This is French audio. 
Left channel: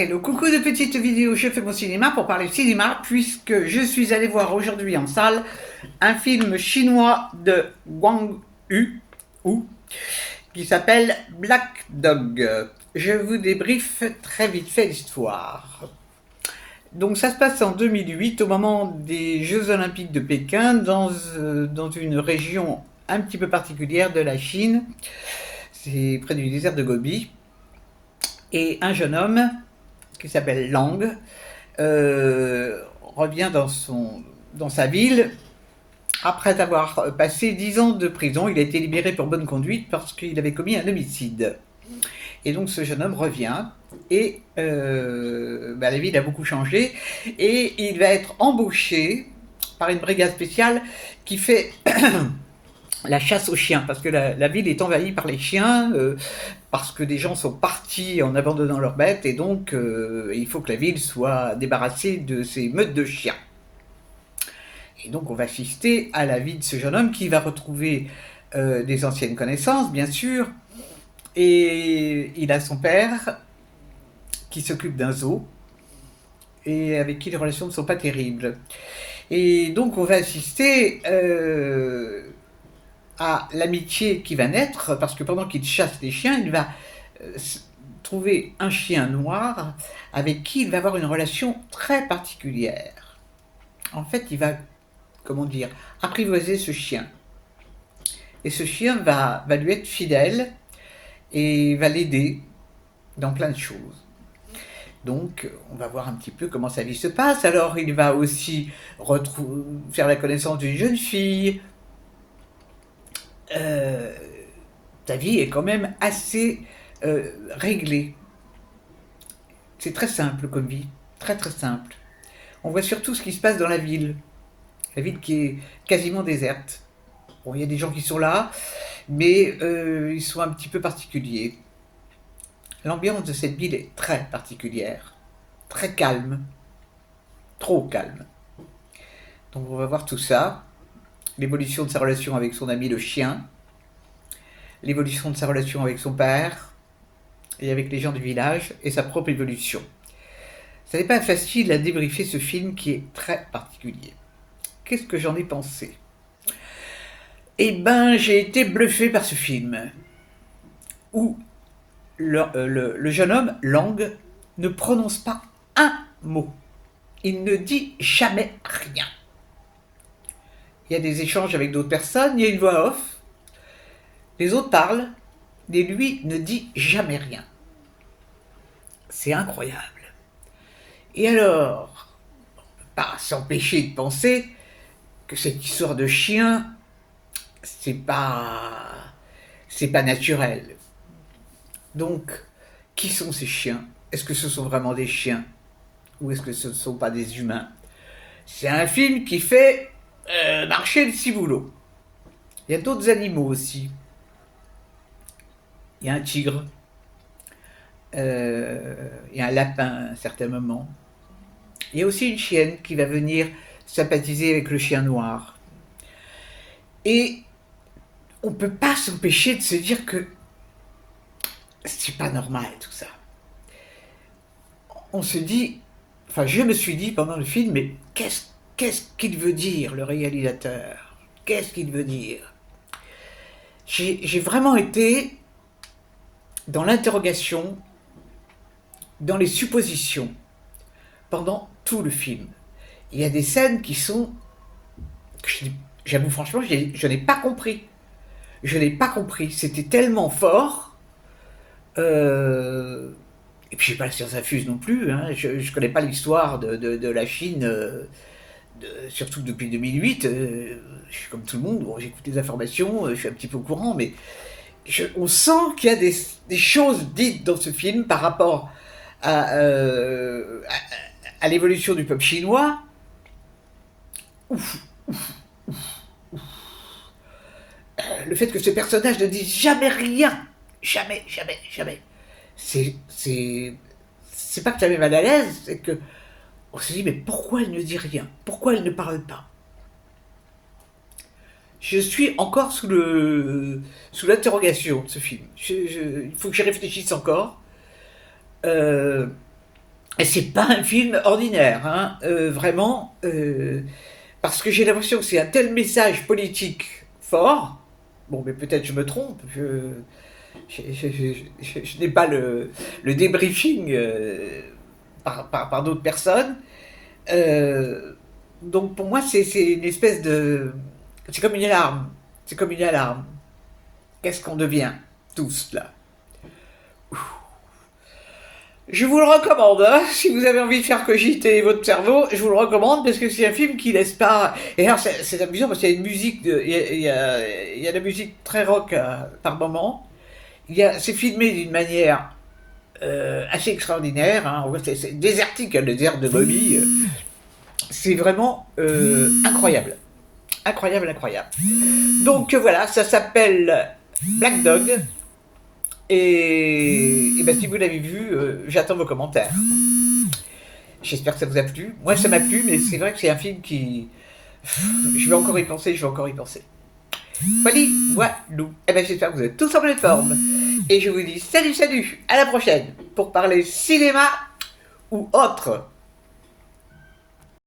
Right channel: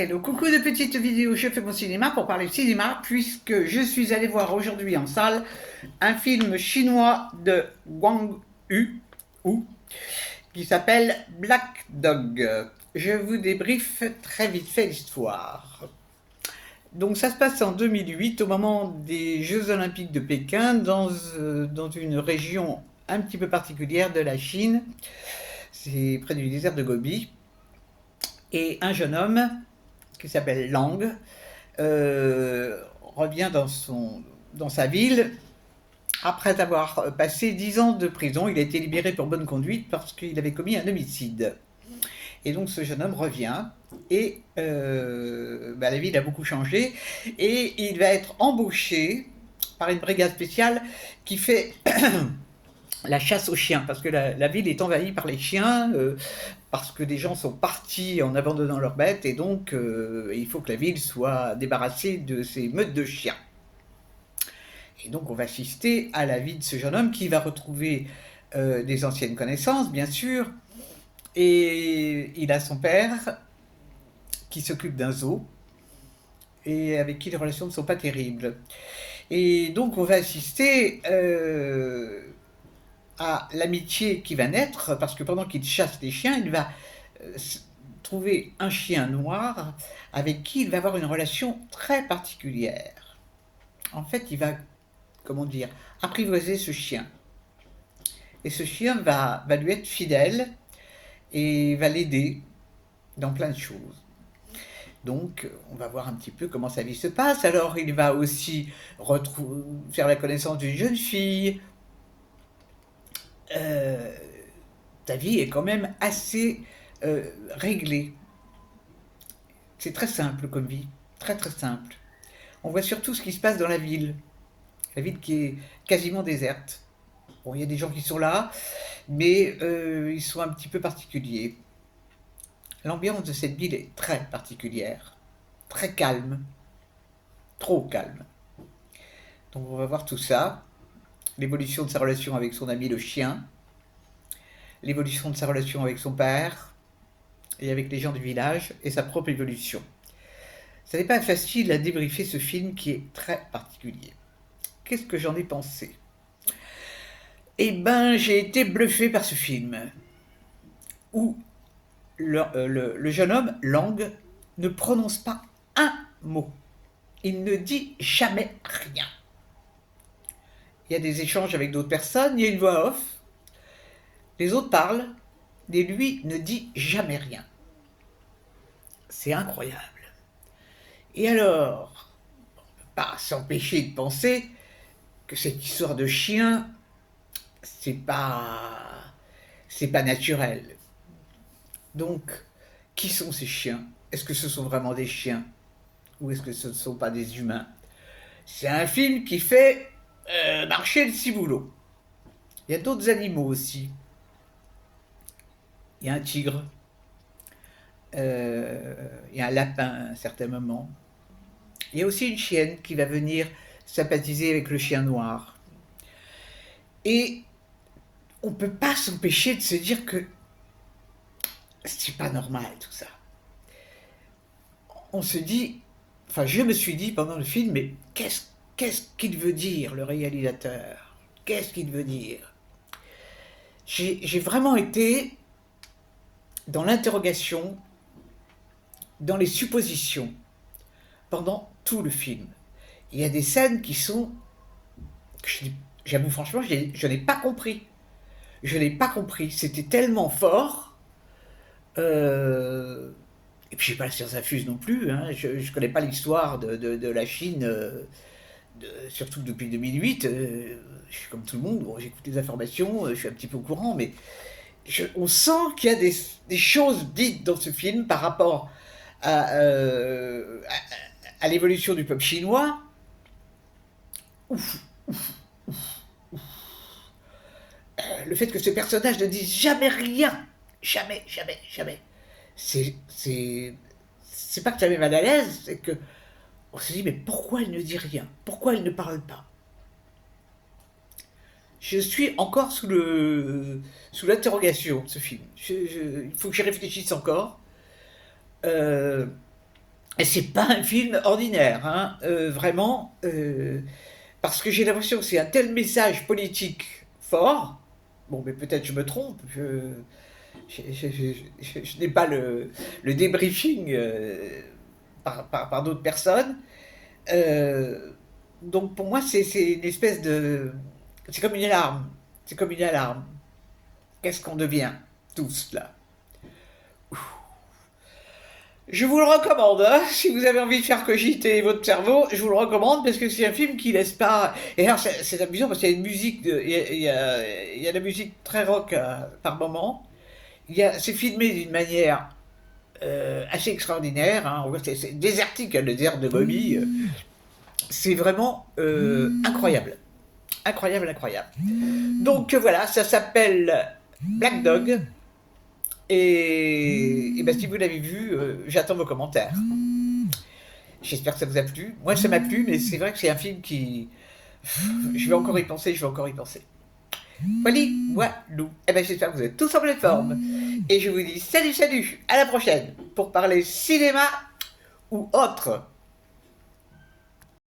Hello, coucou de petites vidéos, je fais mon cinéma pour parler cinéma puisque je suis allé voir aujourd'hui en salle un film chinois de Wang Yu Hu, qui s'appelle Black Dog. Je vous débriefe très vite fait l'histoire. Donc ça se passe en 2008 au moment des Jeux Olympiques de Pékin dans une région un petit peu particulière de la Chine. C'est près du désert de Gobi. Et un jeune homme qui s'appelle Lang revient dans sa ville après avoir passé 10 ans de prison. Il a été libéré pour bonne conduite parce qu'il avait commis un homicide. Et donc ce jeune homme revient et la ville a beaucoup changé et il va être embauché par une brigade spéciale qui fait la chasse aux chiens, parce que la ville est envahie par les chiens, parce que des gens sont partis en abandonnant leurs bêtes, et donc il faut que la ville soit débarrassée de ces meutes de chiens. Et donc on va assister à la vie de ce jeune homme qui va retrouver des anciennes connaissances, bien sûr, et il a son père qui s'occupe d'un zoo, et avec qui les relations ne sont pas terribles. Et donc on va assister à l'amitié qui va naître, parce que pendant qu'il chasse les chiens, il va trouver un chien noir avec qui il va avoir une relation très particulière. En fait, il va, comment dire, apprivoiser ce chien. Et ce chien va lui être fidèle et va l'aider dans plein de choses. Donc, on va voir un petit peu comment sa vie se passe. Alors, il va aussi faire la connaissance d'une jeune fille. Ta vie est quand même assez réglée. C'est très simple comme vie, très très simple. On voit surtout ce qui se passe dans la ville qui est quasiment déserte. Bon, il y a des gens qui sont là, mais ils sont un petit peu particuliers. L'ambiance de cette ville est très particulière, très calme, trop calme. Donc on va voir tout ça, l'évolution de sa relation avec son ami le chien, l'évolution de sa relation avec son père et avec les gens du village, et sa propre évolution. Ce n'est pas facile à débriefer ce film qui est très particulier. Qu'est-ce que j'en ai pensé? Eh ben, j'ai été bluffé par ce film, où le jeune homme, Lang, ne prononce pas un mot. Il ne dit jamais rien. Il y a des échanges avec d'autres personnes, il y a une voix off, les autres parlent, mais lui ne dit jamais rien. C'est incroyable. Et alors, on ne peut pas s'empêcher de penser que cette histoire de chien, c'est pas naturel. Donc, qui sont ces chiens? Est-ce que ce sont vraiment des chiens? Ou est-ce que ce ne sont pas des humains? C'est un film qui fait marcher le ciboulot. Il y a d'autres animaux aussi. Il y a un tigre. Il y a un lapin à un certain moment. Il y a aussi une chienne qui va venir sympathiser avec le chien noir. Et on ne peut pas s'empêcher de se dire que c'est pas normal tout ça. On se dit, enfin je me suis dit pendant le film, mais qu'est-ce qu'il veut dire le réalisateur? Qu'est-ce qu'il veut dire? J'ai vraiment été dans l'interrogation, dans les suppositions, pendant tout le film. Il y a des scènes qui sont, j'avoue franchement, je n'ai pas compris. Je n'ai pas compris. C'était tellement fort. Et puis, j'ai pas la science infuse non plus. Hein. Je ne connais pas l'histoire de la Chine, surtout depuis 2008. Je suis comme tout le monde. Bon, j'écoute des informations, je suis un petit peu au courant, mais on sent qu'il y a des choses dites dans ce film par rapport à l'évolution du peuple chinois. Ouf, le fait que ce personnage ne dise jamais rien, jamais, jamais, jamais, c'est pas que ça met mal à l'aise, c'est que on se dit mais pourquoi elle ne dit rien, pourquoi elle ne parle pas? Je suis encore sous l'interrogation de ce film. Il faut que j'y réfléchisse encore. c'est pas un film ordinaire, hein, vraiment, parce que j'ai l'impression que c'est un tel message politique fort. Bon, mais peut-être je me trompe. Je n'ai pas le débriefing par d'autres personnes. Euh, donc pour moi, c'est une espèce de... C'est comme une alarme. C'est comme une alarme. Qu'est-ce qu'on devient tous là? Je vous le recommande, hein, si vous avez envie de faire cogiter votre cerveau, je vous le recommande parce que c'est un film qui laisse pas. Et alors c'est amusant parce qu'il y a une musique, il y a de la musique très rock par moment. C'est filmé d'une manière assez extraordinaire. Hein. C'est désertique, hein, le désert de Gobi. C'est vraiment incroyable, incroyable, incroyable. Donc voilà, ça s'appelle Black Dog. Et ben, si vous l'avez vu, j'attends vos commentaires. J'espère que ça vous a plu. Moi, ça m'a plu, mais c'est vrai que c'est un film qui. Je vais encore y penser, je vais encore y penser. Voilà, voilà. Eh ben, j'espère que vous êtes tous en pleine forme. Et je vous dis salut, salut, à la prochaine pour parler cinéma ou autre.